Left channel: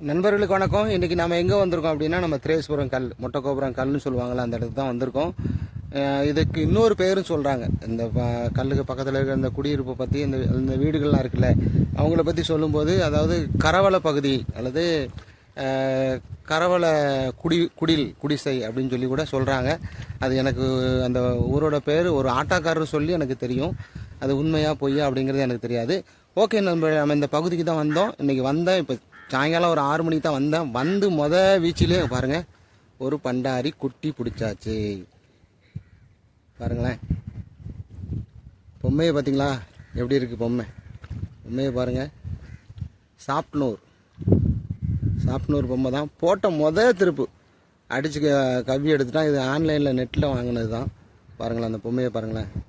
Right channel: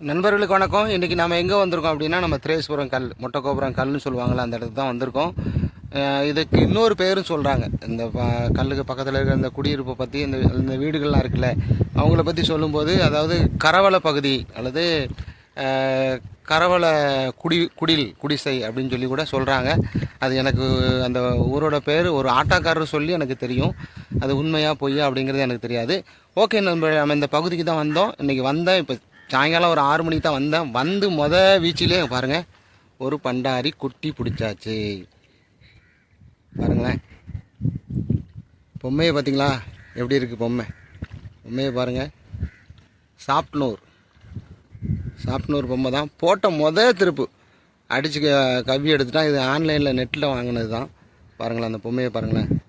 நண்பர்களுக்கு வணக்கம். இன்றைக்கி நம்ம எங்கே வந்திருக்கோம் அப்படின்னா நம்ம திரேஸ்புரம் கல் மொட்டைக்கோபுரம் கல்னு சொல்லுவாங்களா அந்த இடத்துக்கு தான் வந்திருக்கோம். இதுக்கு இன்னொரு பேரும் சொல்கிறாங்க இந்த ப- கல்லுக்கு பக்கத்தில் இருக்கிற இந்த குடியிருப்பை பற்றி இந்த இந்த வீடுகள்லாம் இருக்குல்ல அவங்கள பற்றி சொல்லும்போது அதாவது கரவள பகுதி அல்லது அஹ், கரவள குடி குடில் குடிசை அப்படின்னு சொல்லி கூட சொல்கிறாங்க அது எனக்கு அந்த ஊரோட பேர் ஒரு ஆட்டாக்காரர் சொல்லி எனக்கு தெரியும். அது உண்மையாக பொய்யா அப்படிங்கிறது எனக்கு தெரியாது. ஓகே நம்ம நம்ம இந்த பகுதிக்கு தான் வந்தோம். இன்றைக்கி வந்தேன் இப்போ சாயங்காலம் ஒரு ஆறு மணிக்கு தான் வந்தேன். வந்து மொத வீச்சிலே பாருங்கள் ஒரு பண்டாரி குட்டி பிடிச்சாச்சு. பாருங்களேன். பொம்மையை பார்த்தீங்களா? எப்படி இருக்குது பொம்மை? பொம்மையை பாருங்கள் சாப்ட்னூர். சாப்ட்னூர் பொம்மை தான். போட்ட மொத திருப்பு. அடித்து க- கவ்வி எடுத்துட்டான் இது ஆன்லைனில் நெட்டில் வாங்கினது தான். பாருங்களேன் அந்த பொம்மையை பாருங்களேன்.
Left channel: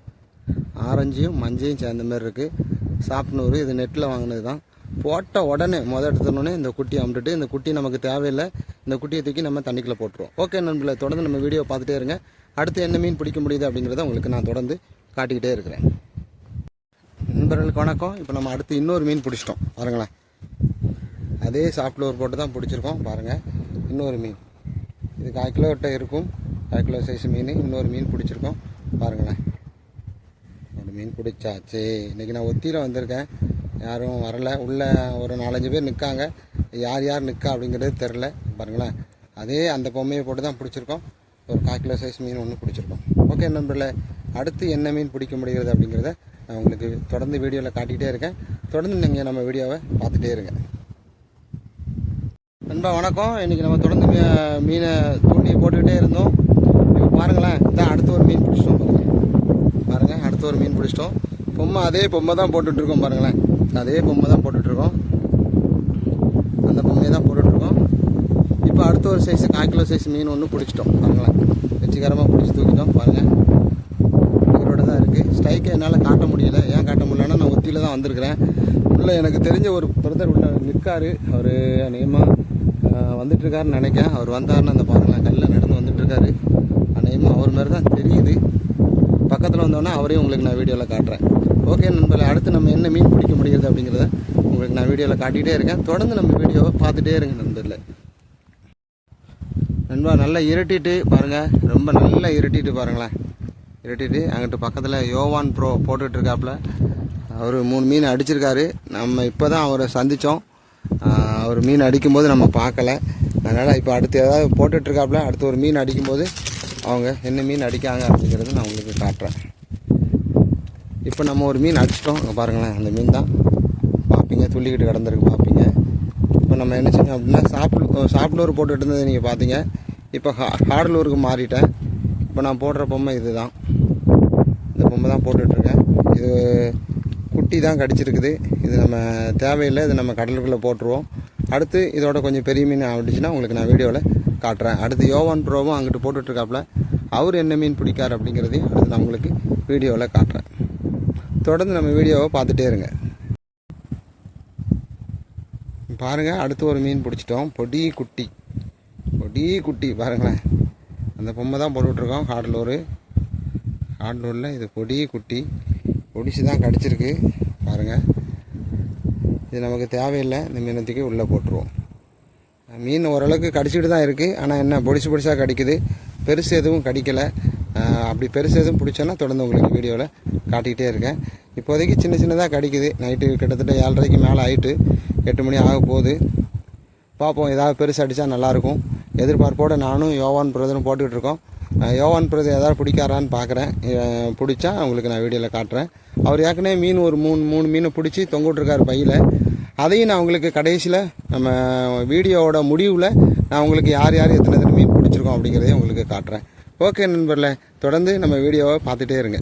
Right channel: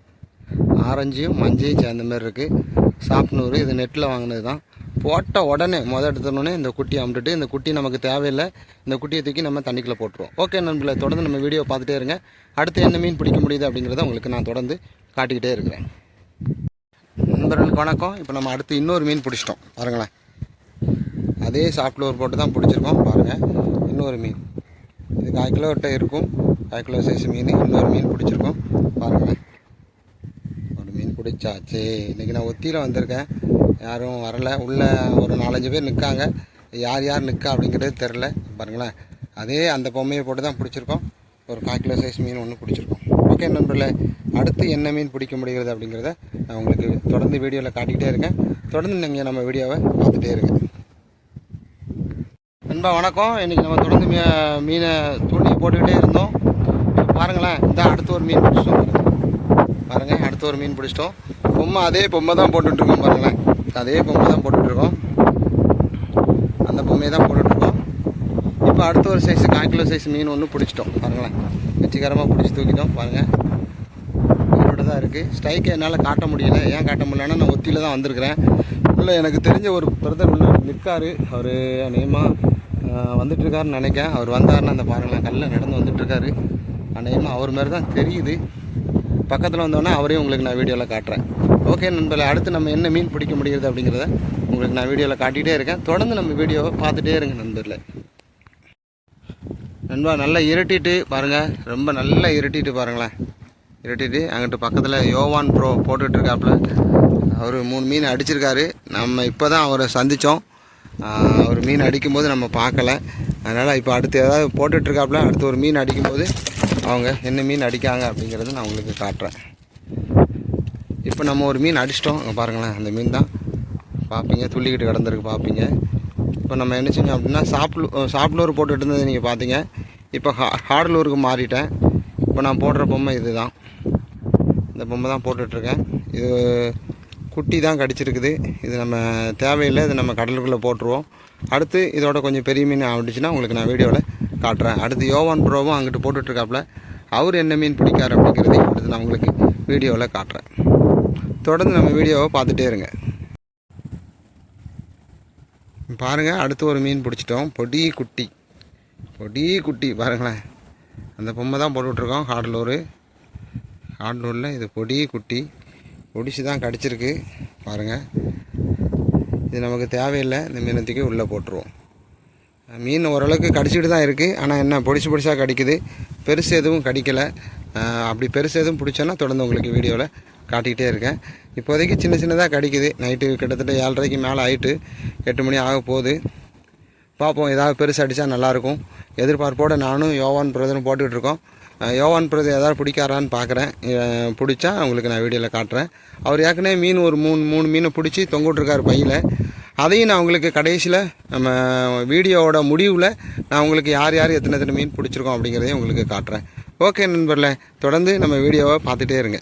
ஆரஞ்சும் மஞ்சையும் சேர்ந்த மாதிரி இருக்குது சாப்ட்னூர் இது நெட்டில் வாங்கினது தான். போட்ட உடனே முத எடுத்துனோடனே இந்த குட்டியை அமுட்டுட்டு இந்த குட்டி நமக்கு தேவையில்லை. இந்த குட்டியை தூக்கி நம்ம தண்ணிக்குள்ளே போட்டுருவோம். ஓகே நண்பர்களை தொடர்ந்து நம்ம வீடியோ பார்த்துட்டே இருங்க. அடுத்து என்ன மீன் பிடிக்க முடியுது அப்படிங்கிறத உங்களுக்கு நான் தொடர்ந்து காட்டிக்கிட்டே இருக்கிறேன். நண்பர்களுக்கு வணக்கம். இப்போ நம்ம அடுத்து இன்னொரு மீன் பிடிச்சிட்டோம். பாருங்களேன். அதே சாஃப்ட்வேர் போட்டு தான் பிடிச்சிருக்கோம். பாருங்கள் இன்னொரு மீன். இது கால் கிலோட்ட இருக்கும். கால் கிலோ சைஸ் மீன். இன்னொரு மீன் பிடிச்சிருக்கோம். பாருங்களேன். ஒரு மீன் பிடிச்சாச்சு. இன்றைக்கி நான் ஒத்தியில் வந்திருக்கேன். யாரும் வரல. உள்ளே ஒரு நாலஞ்சு பேர் நிற்காங்க யார் யார் நிற்கா அப்படிங்கிறது தெரில பாருங்களேன். அதே அந்த பொம்மையை போட்டு தான் பிடிச்சிருக்கோம். ஒரு கால் கிலோ சைஸ் மீன் ஒன்று பிடிச்சிருக்கோம். ஓகே நண்பர்களே. அடுத்து என்ன மீன் பிடிக்க முடிகிறது அப்படிங்கிறத நான் உங்களுக்கு தொடர்ந்து வீடியோவில் காட்டிக்கிட்டே இருக்கேன். தொடர்ந்து நீங்கள் நம்ம வீடியோவை பார்த்துட்டே இருங்க. நண்பா வணக்கம். இன்றைக்கி நம்ம தொடர்ந்து மீ- மீனை தூண்டி போட்டுக்கிட்டே இருந்தோம். பாருங்களேன். இந்த அடுத்து ஒரு மீன் பிடிச்சிட்டோம். பாருங்கள் அடுத்து ஒரு மீன் பிடிச்சிட்டோம். பொம்மை அதே பொம்மை தான் போட்டுட்ருக்கோம் பாருங்களேன். அதே பொம்மை தான் போட்டுட்ருக்கோம். அந்த பொம்மையை தான் போட்டுட்ருக்கோம். இப்போ அடுத்த ஒரு சைஸு கால் கிலோ சைஸ் மீன் ஒன்று பிடிச்சிட்டோம். பாருங்களேன். வெற்றிகரமாக பிடிச்சி தூக்கிட்டோம். பாருங்கள் உயிரோட தான் இருக்குது ஸ்ட்ரைக்கை என்னால் காட்ட முடியல. ஏன் காட்ட முடியலன்னா நான் ஒத்தியில் தான் வந்திருக்கிறேன். உள்ள எனக்கு தெரிஞ்ச ஒரு பிரதர் உள்ள நிற்காரு அவர் அநேகமாக வந்துட்டுருக்காருன்னு நினைக்கேன் அவர் வந்தாருன்னு அந்த பாருங்களேன் கல்லில் நடந்து வந்துட்டுருக்காரு அநேகமாக அவர் மாதிரி தான் தெரியுது. பக்கத்தில் வந்தோடனே அவரையும் உங்களுக்கு நான் வீடியோவில் காட்டுறேன். ஓகே நண்பர்களே அடுத்து நம்ம என்ன மீன் பிடிக்க முடியுது அப்படிங்கிறத உங்களுக்கு நான் வீடியோவில் காட்டிகிட்டே இருக்கேன். தொடர்ந்து நம்ம வீடியோவை பார்த்துட்டே இருங்க நண்பர்களே. நண்பா நல்லா இருட்டிட்டு பாருங்கள் ரொம்ப நல்லா இருட்டிட்டு பாருங்களேன். இருட்டிட்டு அங்கிட்டு பக்கத்தில் யோவான் ப்ரோ போட்டுட்ருக்காப்புல அவர் மூணு மீன் அடிச்சிருக்காரு. நம்ம இப்போ தான் அவரை சந்தித்தோம் அவர் மீன் அடிக்கும்போது நம்ம பார்க்கல. அதனால் இப்போ அடுத்து ஏதாவது போட்டுட்ருக்காப்புல அடுத்து ஒரு மீன் அடிக்கும்போது அவங்க என்ன மீன் அடிக்காங்க அப்படிங்கிறத நான் உங்களுக்கு காட்டுறேன். இப்போ நம்ம ஒரு மீன் அடிச்சிட்டோம். அங்கே பாருங்களேன் அந்த மீன் தான். பார்ப்பீங்க துள்ளிக்கிட்டு கிடந்திருக்கு பார்ப்பீங்க இப்போ நம்ம என்ன செஞ்சோம் அப்படின்னா சாப்பிடு சாப்பிடூர் போட்டுகிட்டு இருந்தது நீங்கள் பார்த்தீங்க இப்போ ஹா ஹார்டலூருக்கு மாறிட்டேன். இப்போ நான் போடுற பொம்மை இது தான் இந்த பொம்மை தான் போட்டுட்ருக்கேன். இது குட்டி தான் கடிச்சிருக்குது. இது நம்ம தேவையில்லை இது நம்ம கடலுக்குள்ளே போட்டுருவோம். அடுத்து இதோட கொஞ்சம் பெரிய மீன் ஆகிடுச்சுன்னா உங்களுக்கு நான் வீடியோவில் காட்டுறேன். அடுத்து யோவான் ப்ரோவும் அங்கிட்டு போட்டுட்ருக்காப்புல. அவர் என்ன மீன் பிடிக்காரு அப்படிங்கிறதையும் அடுத்து நான் உங்களுக்கு வீடியோவில் காட்டுறேன். தொடர்ந்து நம்ம வீடியோவை பார்த்துட்டே இருங்க. பாருங்கள் அடுத்து ஒரு மீன் பிடிச்சிட்டோம். பொடி குட்டி. பொடி குட்டி பாருங்களேன். அந்த பொம்மை தான் போட்டுட்ருக்கோம் காடலூர் காடலூரில் இது பொடி குட்டி. பொடிச்சு தான் கடிச்சிருக்கு. பாருங்கள் இது நமக்கு தேவையில்லை. இந்த மீனத்துக்கு உள்ளே போட்டுருவோம். மீன் ஓரளவுக்கு கடிச்சிட்டு தான் இருக்குது ஆனால் என்ன பொடிசு பொடிசாக கடிக்குது. பெருசு எதுவும் கடிக்கலை. அப்படி பெருசு எதுவும் பிடிச்சோன்னா தொடர்ந்து உங்களுக்கு வீடியோவில் காட்டிக்கிட்டே இருக்கேன். இப்போதைக்கு சின்ன சின்னதாக கடிக்குது. நைட்டு கிட்டத்தட்ட ஏழரைக்கு மேலே ஆயிட்டு எட்டு மணி ஆக போகுது. பார்ப்போம் ஏதாவது பெருசு அடித்தா நல்லாயிருக்கும். எதிர்பார்ப்போடு நானும் யோவான் பிரதரும் போட்டுக்கிட்டு இருக்கோம். யோவான் பிரதர் ஏதாவது பிடிக்காரான்னு பார்க்குறேன் பிடிச்சா உங்களுக்கு நான் வீடியோவில் காட்டுறேன். அவர் ஏற்கனவே மீன் ஒரு மூணு மூணு மீனை பிடிச்சி தொங்கிட்டுருக்காரு பையில். அதையும் நான் உங்களுக்கு கடைசியில் நம்ம வீடியோவோட முடிவில் நான் உங்களுக்கு யார் யார் எத்தனை எத்தனை மீன் பிடிச்சிருக்கோம் அப்படிங்கிறதையும் உங்களுக்கு காட்டுறேன். ஓகே நண்பர்களே தொடர்ந்து நம்ம வீடியோவை பார்த்துட்டே இருங்க.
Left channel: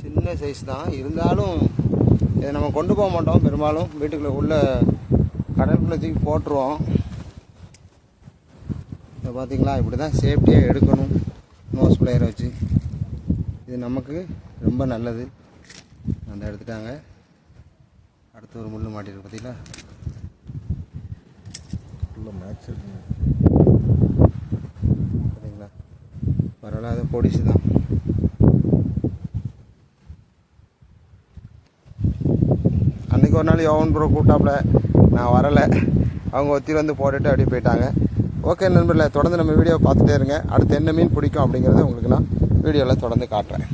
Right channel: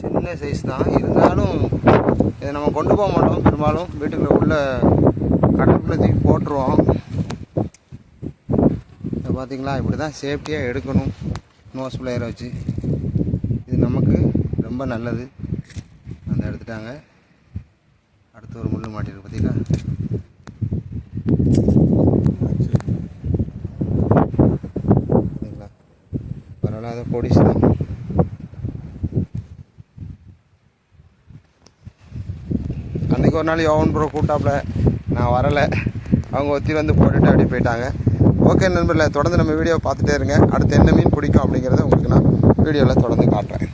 சின்ன சைஸ் தான். இருந்தாலும் இதை நம்ம கொண்டு போக மாட்டோம். பெரும்பாலும் வீட்டுக்குள்ளே உள்ள கடலுக்குள்ளே தூக்கி போட்டுருவோம். இதை பார்த்திங்களா? இப்படி தான் சேஃப்டியாக எடுக்கணும். நோஸ் பிளேயரை வச்சு. இது நமக்கு ரொம்ப நல்லது. அந்த எடுத்துட்டாங்க. அடுத்து ஒரு முள் மாட்டிருக்கு பார்த்தீங்களா? பார்த்தீங்களா? பரவாயில்ல அதை பொடிசு தான் அன்றைக்கி ஒரு நாள் யோவன் ப்ரோ கூப்பிட்டாப்புல நான் வரலை. அவங்க ஒத்தி வந்து போட்டுட்டு அப்படியே போயிட்டாங்க. ஓகே நண்பர்களே தொடர்ந்து நம்ம வீடியோ பார்த்துட்டே இருங்க. அடுத்து என்ன மீன் பிடிக்கும் அப்படிங்கிறத உங்களுக்கு நான் வீடியோவில் தொடர்ந்து காட்டுறேன்.